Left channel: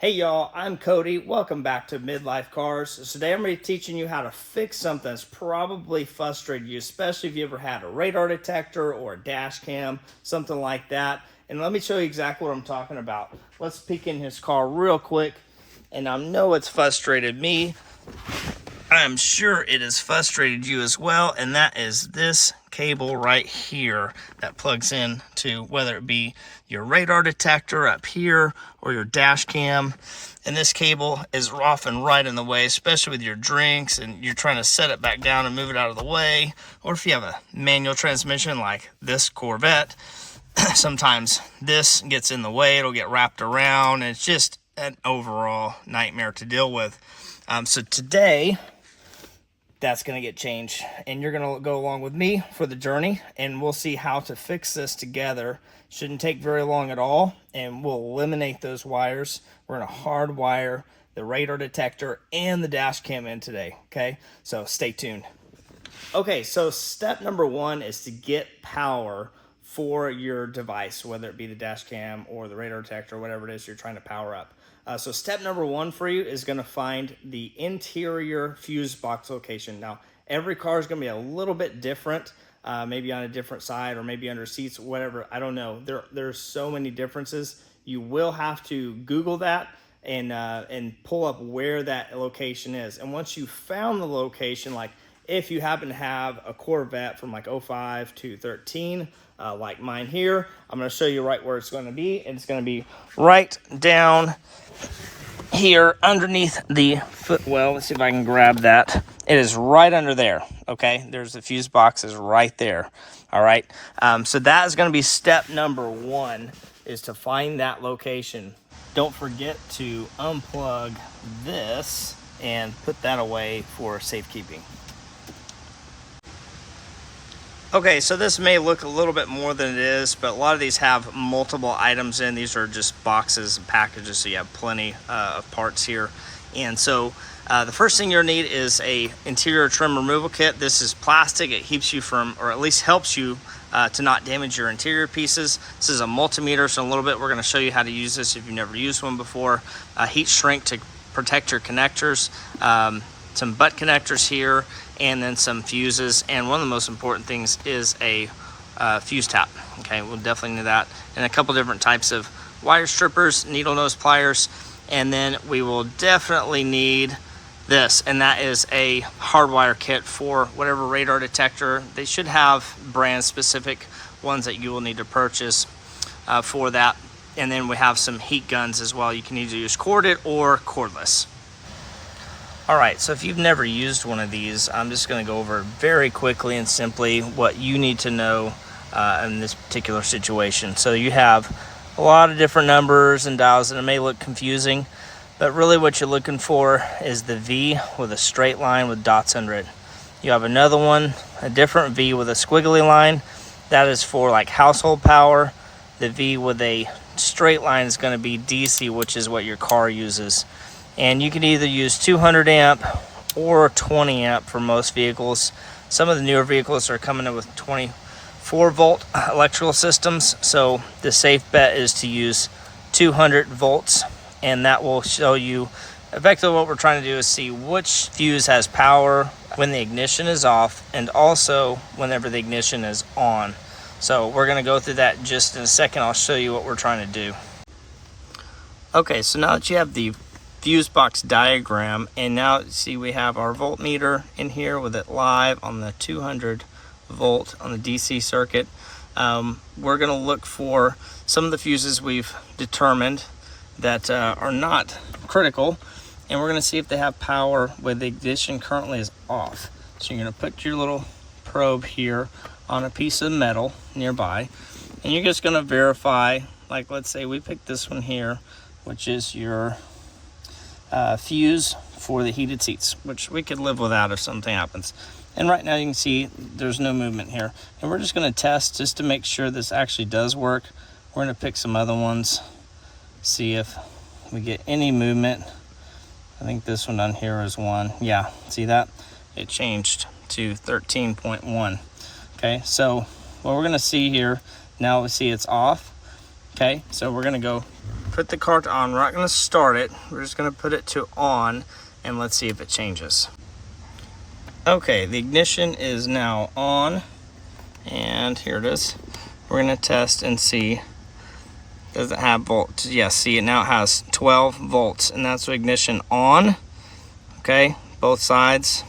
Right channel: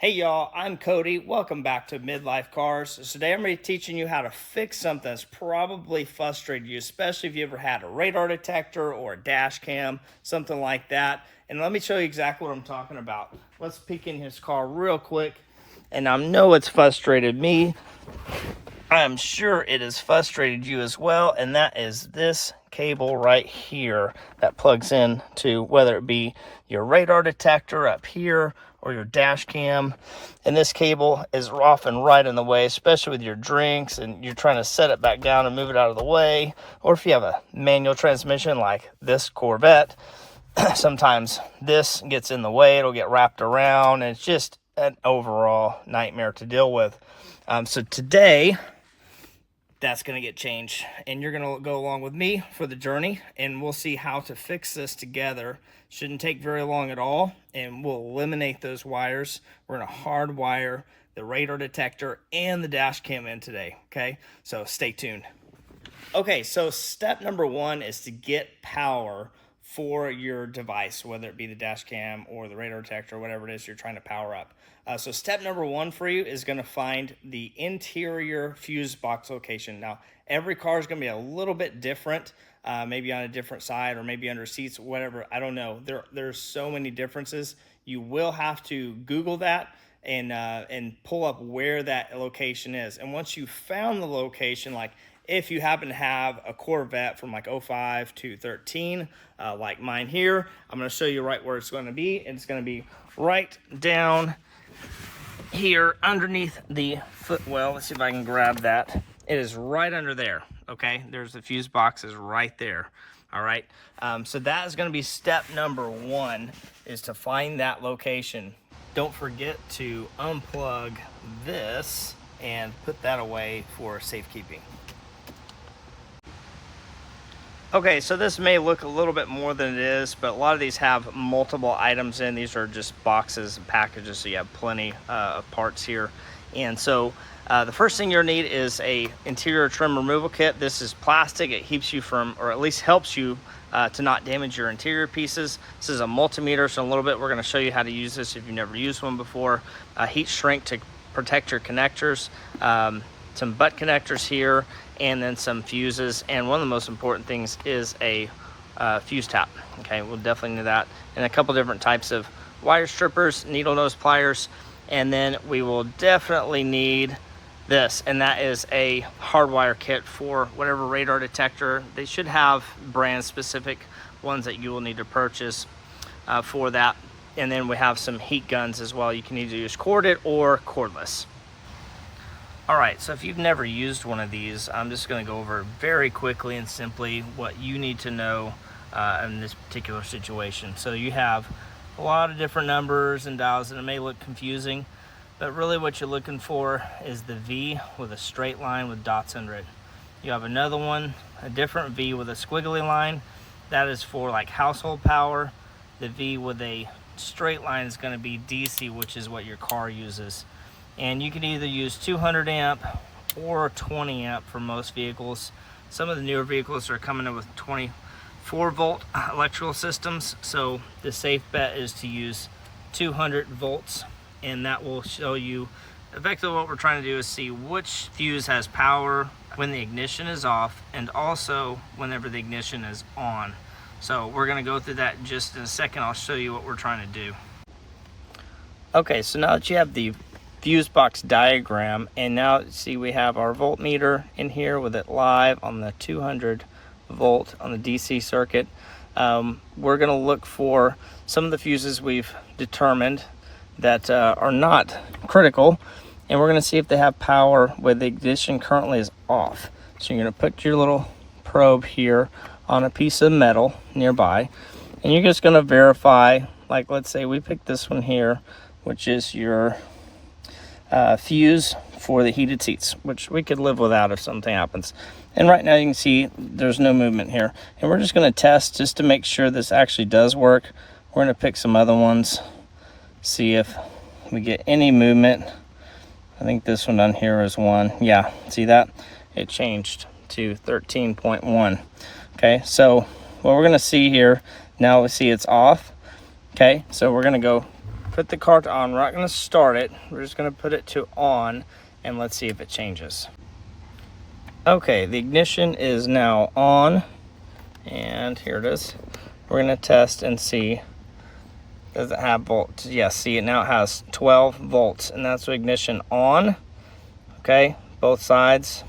Hey y'all, I'm Cody. Welcome back to Midlife Cars. So today I'm going to be teaching you how to fix something that's probably frustrated you, especially if you ever had a radar detector or a dash cam, something like that. And let me show you exactly what I'm talking about. Let's peek in his car real quick. And I know it's frustrated me. I'm sure it has frustrated you as well, and that is this cable right here that plugs in to whether it be your radar detector up here or your dash cam. And this cable is often right in the way, especially with your drinks and you're trying to set it back down and move it out of the way. Or if you have a manual transmission like this Corvette, sometimes this gets in the way, it'll get wrapped around, and it's just an overall nightmare to deal with. So today, that's going to get changed, and you're going to go along with me for the journey, and we'll see how to fix this together. Shouldn't take very long at all, and we'll eliminate those wires. We're going to hardwire the radar detector and the dash cam in today, okay? So stay tuned. Okay, so step number one is to get power for your device, whether it be the dash cam or the radar detector, or whatever it is you're trying to power up. So step number one for you is going to find the interior fuse box location. Now, every car is going to be a little bit different, maybe on a different side or maybe under seats, whatever. I don't know. There's so many differences. You will have to Google that and pull up where that location is. And once you found the location, like if you happen to have a Corvette from like 05 to 13, like mine here, I'm going to show you right where it's going to be. And it's going to be right down here underneath the footwell. Let's see if I can grab that. It is right under there. Okay, there's the fuse boxes right there. All right, so that is going to be step number one, is to find that location. Don't forget to unplug this and put that away for safekeeping. Okay, so this may look a little bit more than it is, but a lot of these have multiple items in. These are just boxes and packages, so you have plenty of parts here. And so the first thing you'll need is a interior trim removal kit. This is plastic. It keeps you from, or at least helps you to not damage your interior pieces. This is a multimeter, so in a little bit we're going to show you how to use this if you've never used one before. Heat shrink to protect your connectors. Some butt connectors here, and then some fuses, and one of the most important things is a fuse tap. Okay, we'll definitely need that, and a couple different types of wire strippers, needle nose pliers, and then we will definitely need this, and that is a hardwire kit for whatever radar detector. They should have brand specific ones that you will need to purchase for that. And then we have some heat guns as well. You can either use corded or cordless. All right, so if you've never used one of these, I'm just going to go over very quickly and simply what you need to know in this particular situation. So you have a lot of different numbers and dials, and it may look confusing, but really what you're looking for is the V with a straight line with dots under it. You have another one, a different V with a squiggly line. That is for like household power. The V with a straight line is going to be DC, which is what your car uses. And you can either use 200 amp or 20 amp for most vehicles. Some of the newer vehicles are coming in with 24 volt electrical systems. So the safe bet is to use 200 volts, and that will show you effectively what we're trying to do is see which fuse has power when the ignition is off and also whenever the ignition is on. So we're going to go through that just in a second. I'll show you what we're trying to do. Okay, so now that you have the fuse box diagram, and now see we have our voltmeter in here with it live on the 200 volt on the DC circuit. We're going to look for some of the fuses we've determined that are not critical, and we're going to see if they have power when the ignition currently is off. So you're going to put your little probe here on a piece of metal nearby, and you're just going to verify, like let's say we picked this one here, which is your fuse for the heated seats, which we could live without if something happens. And right now you can see there's no movement here, and we're just going to test just to make sure this actually does work. We're going to pick some other ones, see if we get any movement. I think this one on here is one. Yeah, see that? It changed to 13.1. Okay, so what we're going to see here now, we see it's off. Okay, so we're going to go put the cart on. We're not going to start it. We're just going to put it to on, and let's see if it changes. Okay, the ignition is now on, and here it is. We're going to test and see. Does it have volts? Yes, see, it now has 12 volts, and that's ignition on. Okay, both sides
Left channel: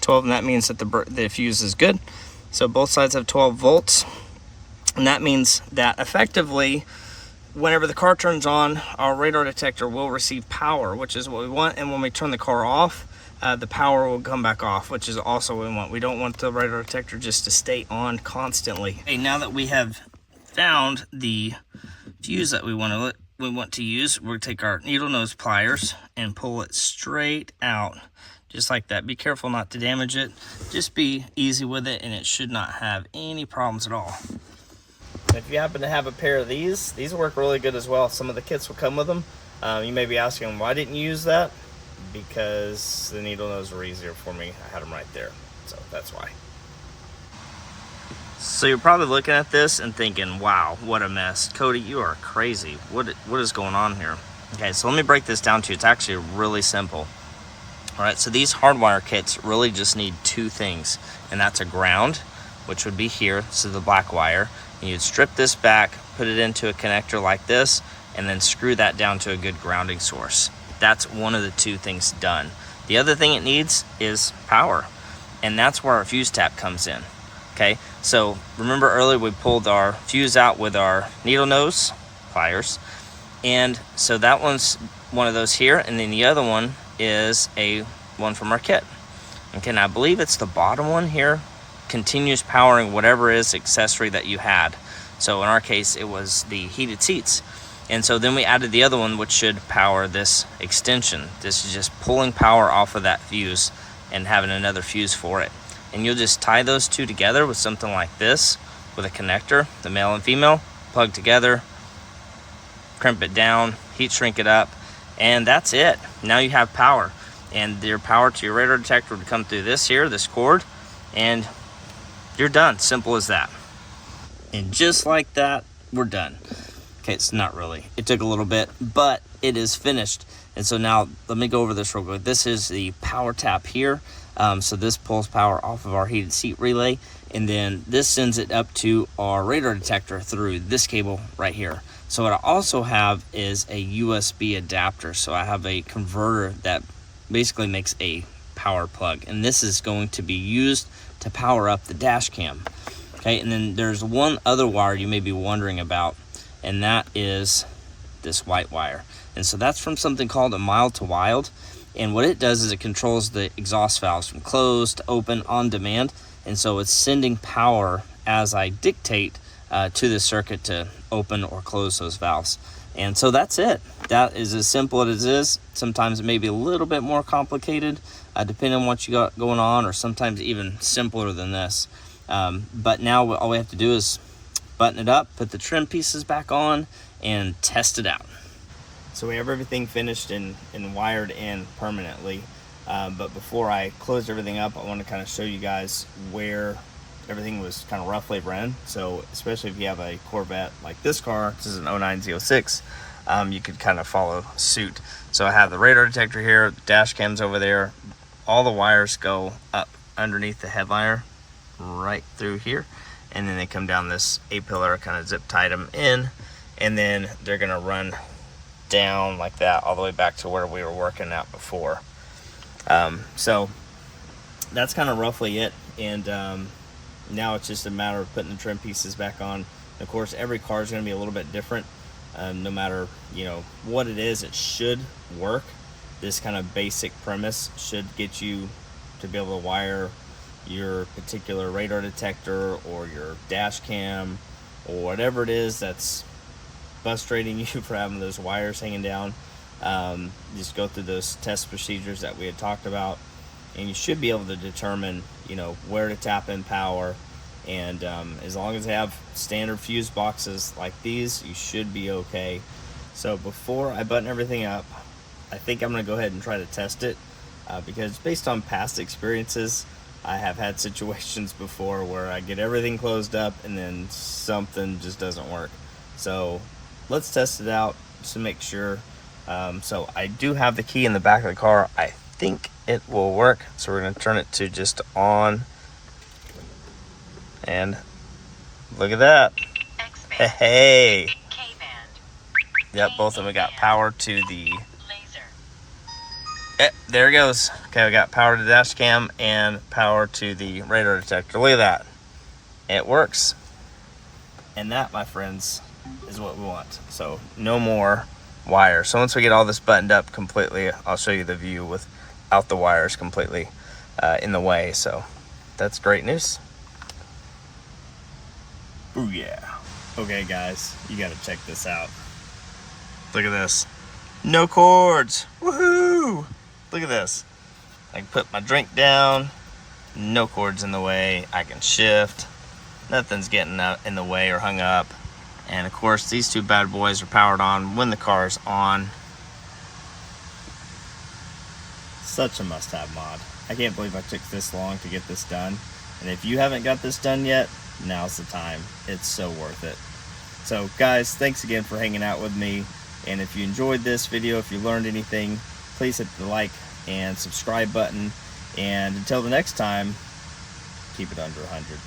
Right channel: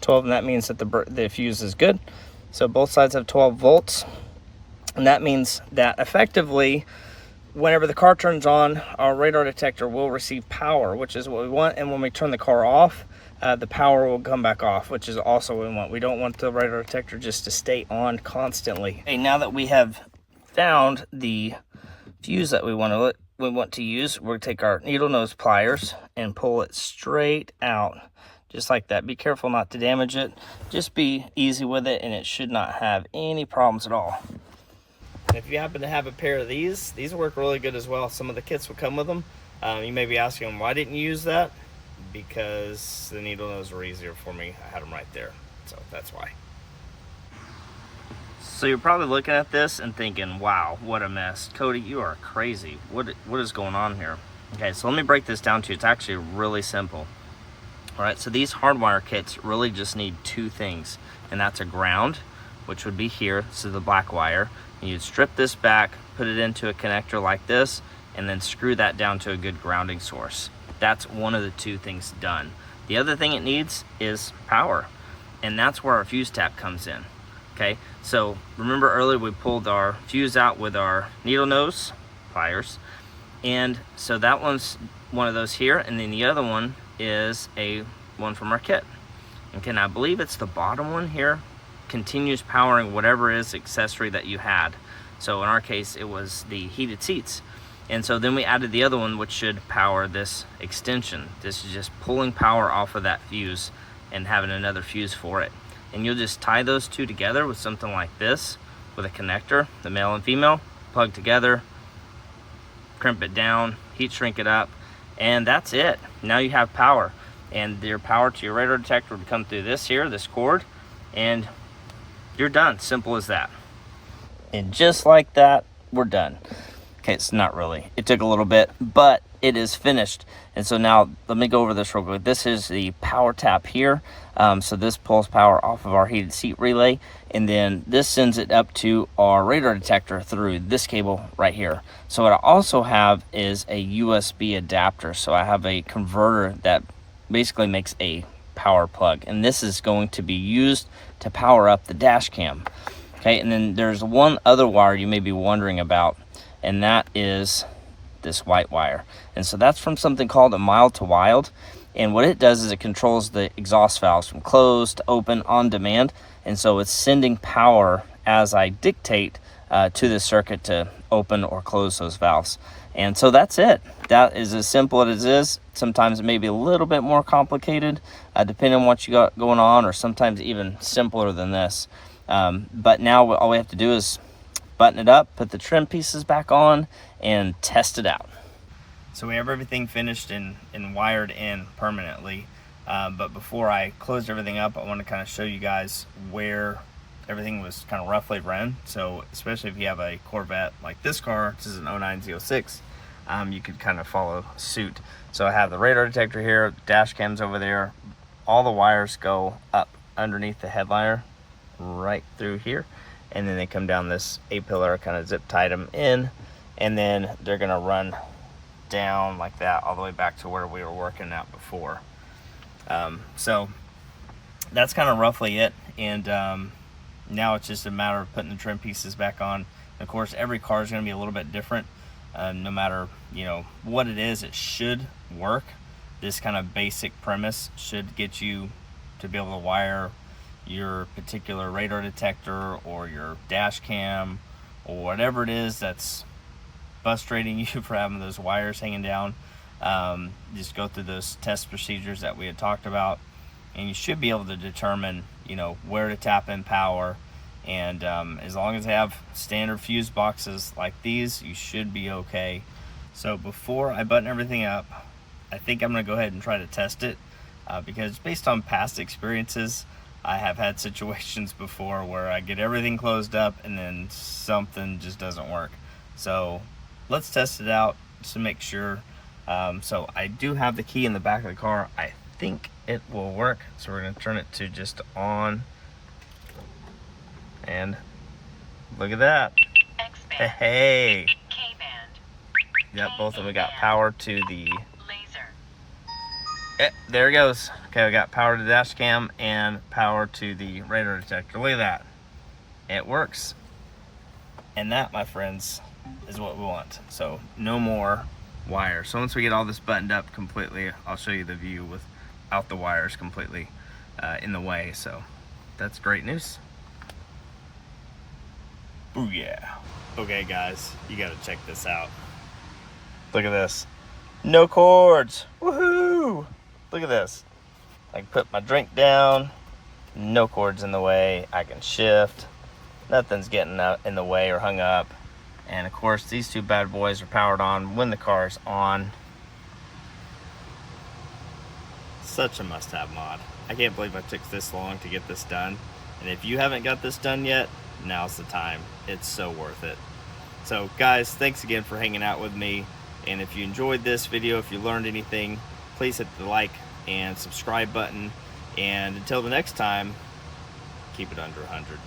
12, and that means that the fuse is good. So both sides have 12 volts, and that means that effectively, whenever the car turns on, our radar detector will receive power, which is what we want. And when we turn the car off, the power will come back off, which is also what we want. We don't want the radar detector just to stay on constantly. Okay, now that we have found the fuse that we want to use, we'll take our needle nose pliers and pull it straight out, just like that. Be careful not to damage it. Just be easy with it, and it should not have any problems at all. If you happen to have a pair of these work really good as well. Some of the kits will come with them. You may be asking, why didn't you use that? Because the needle nose were easier for me. I had them right there, so that's why. So you're probably looking at this and thinking, wow, what a mess. Cody, you are crazy. What is going on here? Okay, so let me break this down to you. It's actually really simple. All right, so these hardwire kits really just need two things, and that's a ground, which would be here, so the black wire. And you'd strip this back, put it into a connector like this, and then screw that down to a good grounding source. That's one of the two things done. The other thing it needs is power, and that's where our fuse tap comes in. Okay, so remember earlier we pulled our fuse out with our needle nose pliers, and so that one's one of those here, and then the other one is one from our kit. Okay, and I believe it's the bottom one here, continues powering whatever is accessory that you had. So in our case, it was the heated seats. And so then we added the other one, which should power this extension. This is just pulling power off of that fuse and having another fuse for it. And you'll just tie those two together with something like this, with a connector, the male and female, plug together, crimp it down, heat shrink it up, and that's it. Now you have power. And your power to your radar detector would come through this here, this cord, and you're done. Simple as that. And just like that, we're done. Okay, it's not really. It took a little bit, but it is finished. And so now, let me go over this real quick. This is the power tap here. So this pulls power off of our heated seat relay, and then this sends it up to our radar detector through this cable right here. So what I also have is a USB adapter. So I have a converter that basically makes a power plug, and this is going to be used to power up the dash cam. Okay, and then there's one other wire you may be wondering about, and that is this white wire. And so that's from something called a mild to wild. And what it does is it controls the exhaust valves from closed to open on demand. And so it's sending power as I dictate to the circuit to open or close those valves. And so that's it. That is as simple as it is. Sometimes it may be a little bit more complicated, depending on what you got going on, or sometimes even simpler than this. But now all we have to do is button it up, put the trim pieces back on, and test it out. So we have everything finished and wired in permanently. But before I close everything up, I want to kind of show you guys where everything was kind of roughly run. So especially if you have a Corvette like this car, this is an 09 Z06, you could kind of follow suit. So I have the radar detector here, dash cams over there. All the wires go up underneath the headliner right through here, and then they come down this A-pillar, kind of zip tied them in, and then they're gonna run down like that all the way back to where we were working at before. So that's kind of roughly it, and now it's just a matter of putting the trim pieces back on. Of course, every car is going to be a little bit different. No matter what it is, it should work. This kind of basic premise should get you to be able to wire your particular radar detector or your dash cam or whatever it is that's frustrating you for having those wires hanging down. Just go through those test procedures that we had talked about, and you should be able to determine where to tap in power. And as long as they have standard fuse boxes like these, you should be okay. So before I button everything up, I think I'm going to go ahead and try to test it, because based on past experiences, I have had situations before where I get everything closed up and then something just doesn't work. So let's test it out, just to make sure. So I do have the key in the back of the car. I think it will work. So we're gonna turn it to just on. And look at that. Hey. Yep, both of them got power to the there it goes. Okay, we got power to the dash cam and power to the radar detector. Look at that. It works. And that, my friends, is what we want. So no more wires. So once we get all this buttoned up completely, I'll show you the view without the wires completely in the way. So that's great news. Oh yeah. Okay guys, you gotta check this out. Look at this. No cords. Woohoo! Look at this. I can put my drink down. No cords in the way. I can shift. Nothing's getting in the way or hung up. And of course, these two bad boys are powered on when the car is on. Such a must-have mod. I can't believe I took this long to get this done. And if you haven't got this done yet, now's the time. It's so worth it. So guys, thanks again for hanging out with me. And if you enjoyed this video, if you learned anything, please hit the like and subscribe button. And until the next time, keep it under 100.